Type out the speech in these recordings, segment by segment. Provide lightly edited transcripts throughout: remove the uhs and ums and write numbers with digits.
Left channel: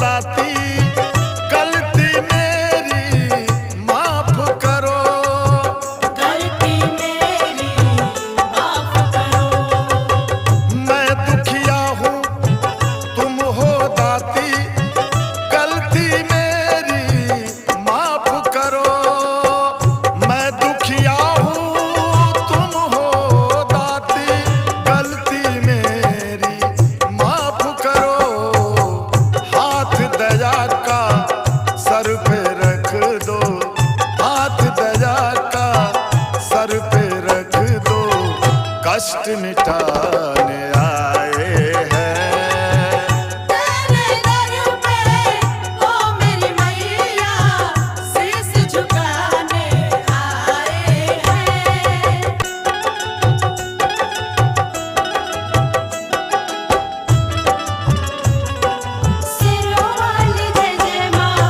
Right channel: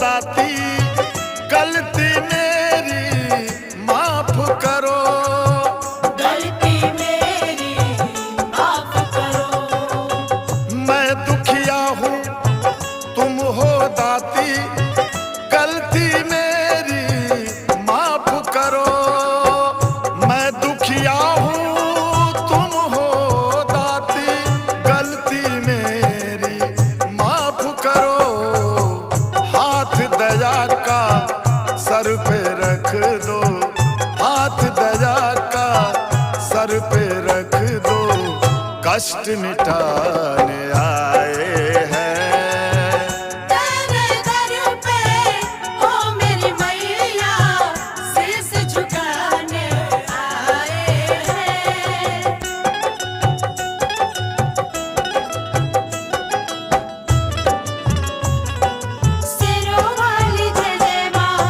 दाती गलती मेरी माफ करो, गलती मेरी माफ करो। मैं दुखिया हूँ तुम हो दाती गलती मेरी माफ करो, मैं दुखिया हूँ तुम हो दाती गलती मेरी माफ करो। हाथ दया का सर पे रख दो, हाथ दया का सर पे रख दो, कष्ट मिटाने आए हैं। तेरे दर पे ओ मेरी मैया शीश झुकाने आए हैं। सिरों वाली जय जय माँ,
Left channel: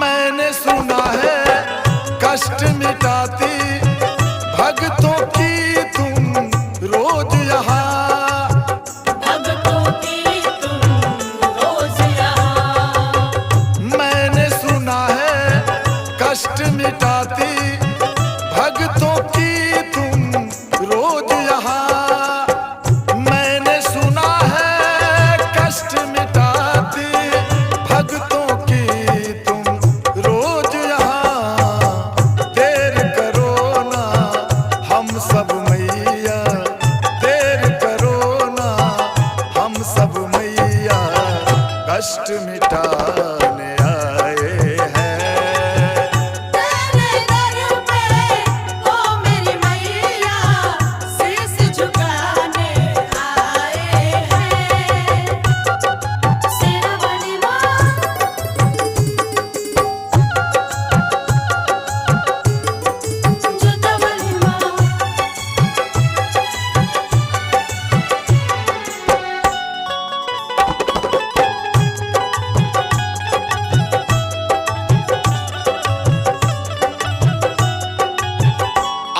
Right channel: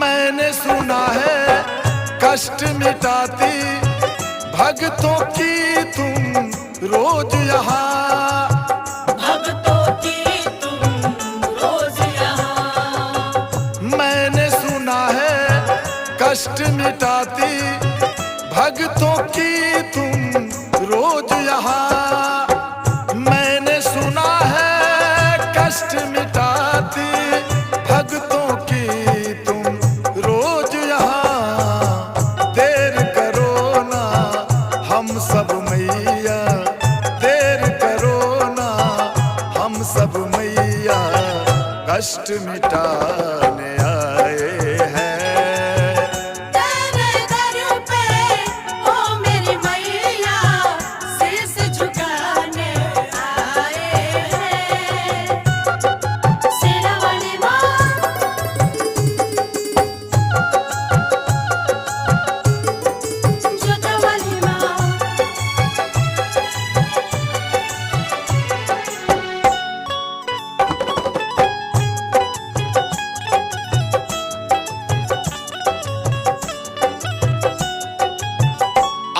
मैंने सुना है कष्ट मिटाती भक्तों की तुम रोज यहाँ, भक्तों की तुम रोज यहाँ। मैंने सुना है कष्ट मिटाती भक्तों की तुम रोज यहाँ, मैंने सुना है कष्ट मिटाती भक्तों की तुम रोज यहाँ। देर करो ना हम सब मैया, देर करो ना हम सब मैया, कष्ट मिटाने आए हैं। तेरे दर पे ओ मेरी मैया शीश झुकाने आए हैं। सिरों वाली माँ, जुदा वाली माँ,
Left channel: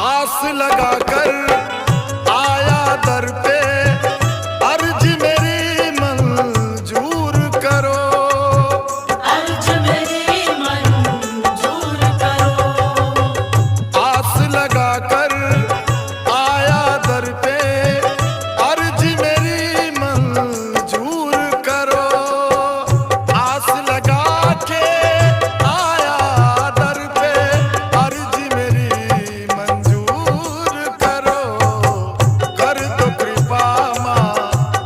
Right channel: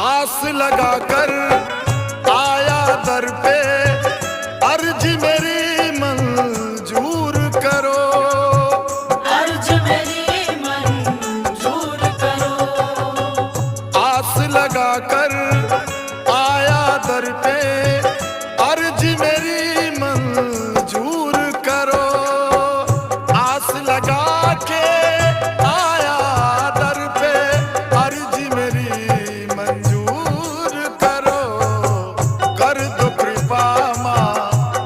आस लगाकर आया दर पे, अर्ज मेरी मंजूर करो, अर्ज मेरी मंजूर करो। आस लगाकर आया दर पे, अर्ज मेरी मंजूर करो, आस लगा के आया दर पे, अर्ज मेरी मंजूर करो, कर दो कृपा माँ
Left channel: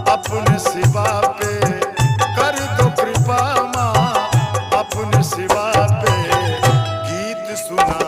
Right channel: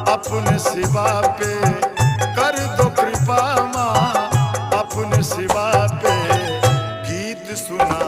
अपने सिवा पे, कर दो कृपा माँ अपने सिवा पे, गीत सुना